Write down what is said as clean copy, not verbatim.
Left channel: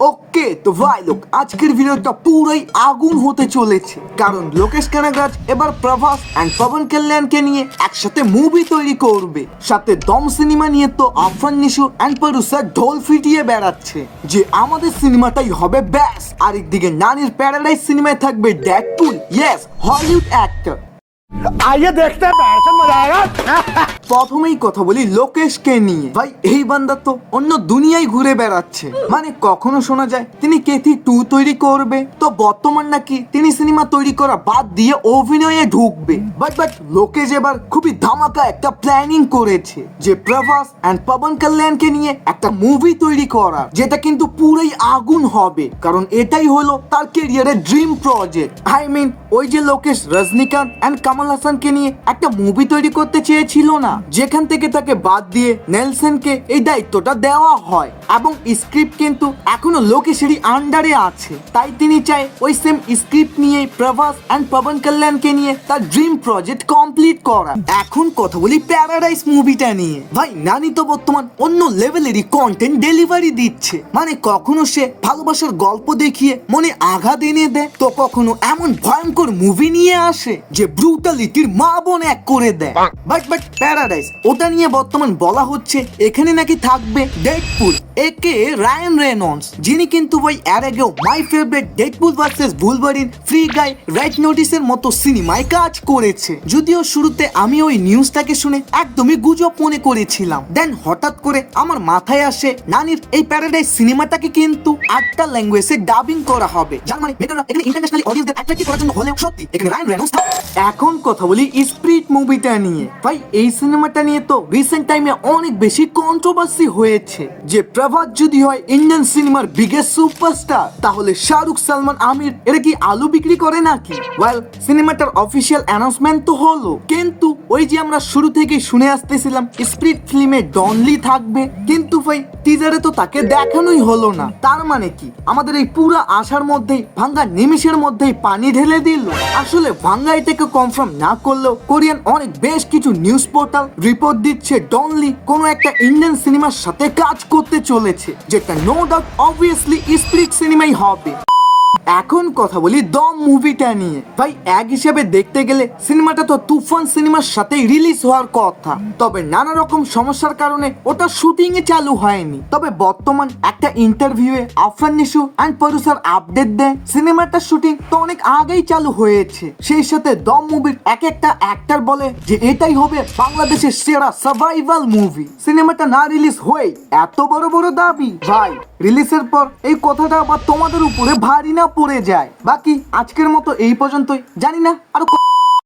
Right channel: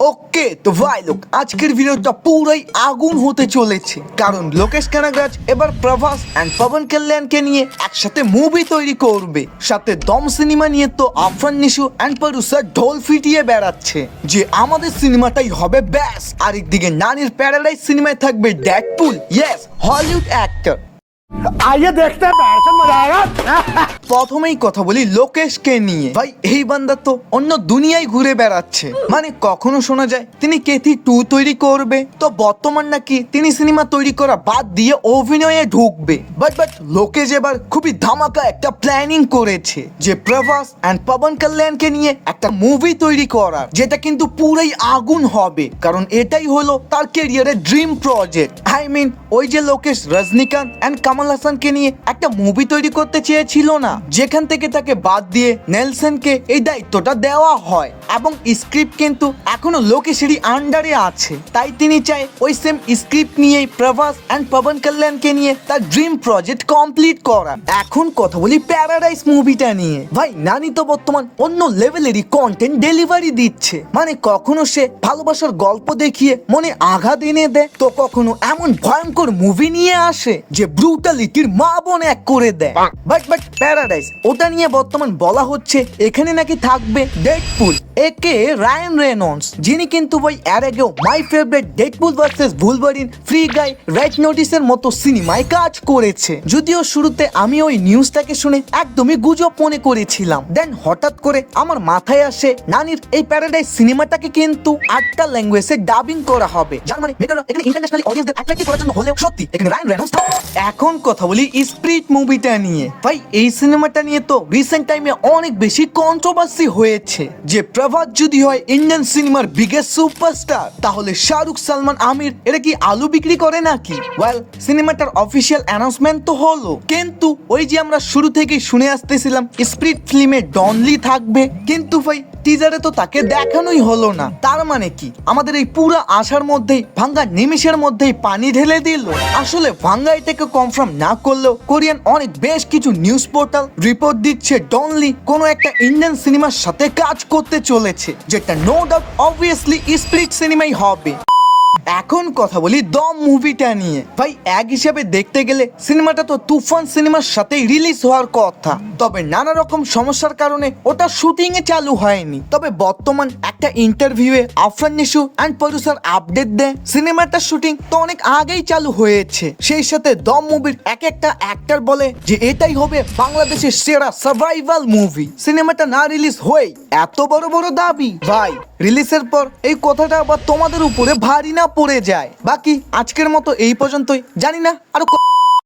ওকে তো ভাই লোক আজকের ভিডিওটা পুরাই আগুন হতে চলেছে, কারণ লোকেশ কানাগরাজ এবার প্রভাস এন্ড পবন কল্যাণকে নিয়ে একসাথে মুভি তৈরি করবে। সাথে দম সিনেমা নিয়ে তো আফরান নিশু এন্ড প্রোডিউসার ঢোল ফিটিয়ে বেড়াচ্ছে যে আমাদের সিনেমাটাই হবে ব্যাস। আরেকদিকে নানির প্যারাডাইস সিনেমায় থাকবে ডেডপুল, ইয়েস হলিউড অ্যাক্টর। आइए देखते हैं बैठन मजा आएगा। প্রথমেই কথা বলি লোকেশকে নিয়ে। ভাই এই বান্দা তো অন্য দুনিয়ায় ঘুরে বেড়াচ্ছে। মানে কখনো শোনা যায় তিনি কেথি 2 তৈরি করবে, তো বর্তমান নাকি তিনি সিনেমা তৈরি করা বাদ দিয়ে অভিনয়ে ঢুকবে। বাট লোকেশ এবার খুবই ধামাকা একটা প্ল্যানিং করেছে যে প্রভাস এন্ড পবন কল্যাণকে নিয়ে একটা মুভি তৈরি করার, যেটা কিন্তু পুরাই আগুন হবে, কারণ এটাই হলো তার ক্যারিয়ারের ড্রিম প্রজেক্ট। আই মিন ওই যে লোকেশ রজনীকান্ত এন্ড কামাল হাসানকে নিয়ে একটা মুভি তৈরি করতে চেয়েছিল না, যেখান থেকে তাকে বাদ দিয়ে নেলসনকে এই দায়িত্বটা দেওয়া হয়, এবং স্ক্রিপ্ট কিন্তু এখনো লোকেশেরই আন্ডারে আছে। তাই তিনি চায় ওই সেম স্ক্রিপ্ট নিয়েই প্রভাস এন্ড পবন কল্যাণকে নিয়ে তার ড্রিম প্রজেক্ট কমপ্লিট করা। এখন কথা বলি প্যারাডাইস মুভিটা নিয়ে। ভাই নানি তো বর্তমান অন্য লেভেলেরই কন্টেন্ট ডেলিভারি দিচ্ছে। মানে কখনো সে ভালোবাসার গল্প দেখিয়ে মনে আঘাত এনে দেয়, তো কখনো এমন ভয়ঙ্কর মুভি নিয়ে আসে যে ব্রুটালিটির মা বোন এক করে দেয়। বাট প্যারাডাইস ওটা নিয়ে বর্তমান বলা হচ্ছে এখানে নাকি থাকবে ডেডপুল একে রায়ান রেনল্ডস, যিনি কিন্তু ভাই এর আগেও my favourite Deadpool versus Wolverine, Free Guy, Red নোটিসের মতো সিনেমায় কাজ করেছে। যদিও শুরুতে আমি ওই নিউজটাকে শুনে একদমই গুজব মনে করেছিলাম, দেন হঠাৎ করে আমার মাথায় আসে নানির এই প্যারাডাইস সিনেমাটাকে কিন্তু 8টা ল্যাঙ্গুয়েজে ডাবিং করা হবে, যার মানে মেটারা এখানে ইন্টারন্যাশনালি অডিয়েন্সদের অ্যাট্রাক্টিভ করার জন্য হলেও সত্যি এখানে রায়ান রেনল্ডস। এখন কথা বলি স্পিরিট মুভিটা নিয়ে। ভাই এই সিনেমাটা নিয়ে তো রিসেন্ট টাইমে অনেক বেশি কন্ট্রোভার্সি হয়েছে যে প্রভাস যদি হয় ইন্ডিয়ান সিনেমার বিগেস্ট সুপারস্টার, তাহলে শাহরুখ, সালমান, আমির এরা কি আলু বিক্রি করে নাকি? ওয়েল সিনেমাটার অফিসিয়াল অ্যানাউন্সমেন্ট তো হলো, কিন্তু ওই যে আমরা শুরু থেকেই শুনে আসতেছিলাম স্পিরিট ফিল্মে ডনলি থাকবে, কিন্তু ভাই টিজারে তো তাকে দেখানোই হলো না। তার মানে কি আমাদের এই পুরো আশার মধ্যেই ভাঙ্গা নিমিষের মধ্যেই পানি ঢেলে দিল? আসলে ভাঙ্গা এটাকে কনফার্ম না করলেও কোরিয়ান অনেক বেশ কিছু নিউজ পোর্টাল রিপোর্ট দিচ্ছে ডনলি কোনো একটা ইন্ডিয়ান সিনেমার সাথে কাজ করতে চলেছে, যেটা নো ডাউট অবভিয়াসলি স্পিরিট সিনেমাই হবে। এখন কথা বলি দম মুভিটা নিয়ে। ভাই এক হিসেবে দেখতে গেলে সিনেমাটা তো তুফান সিনেমার সাথে রিলিজ হওয়ার কথা, তবে নানা রকম সমস্যার কারণে ওটা শুটিং এ চালু হয়নি। তবে বর্তমান একটা ইন্টারভিউয়ে Afran Nishu and producer update দেয় সিনেমাটার শুটিং তো অনেক আগেই চালু হয়েছে। সেই সাথে দম মুভির এক একটা অ্যাক্টর বলে যে এটাই হবে বাংলাদেশের সেরা সার্ভাইভাল মুভি। সিনেমাটা না রিলিজ হয়ে এত বড় বড় দাবি, ভাই রিলিজের পর এই কথাটা আবার তোমাদের উপরে ভারী না পড়ে যায়। বাকি আজকের মতো এই পর্যন্তই, জানি না আরো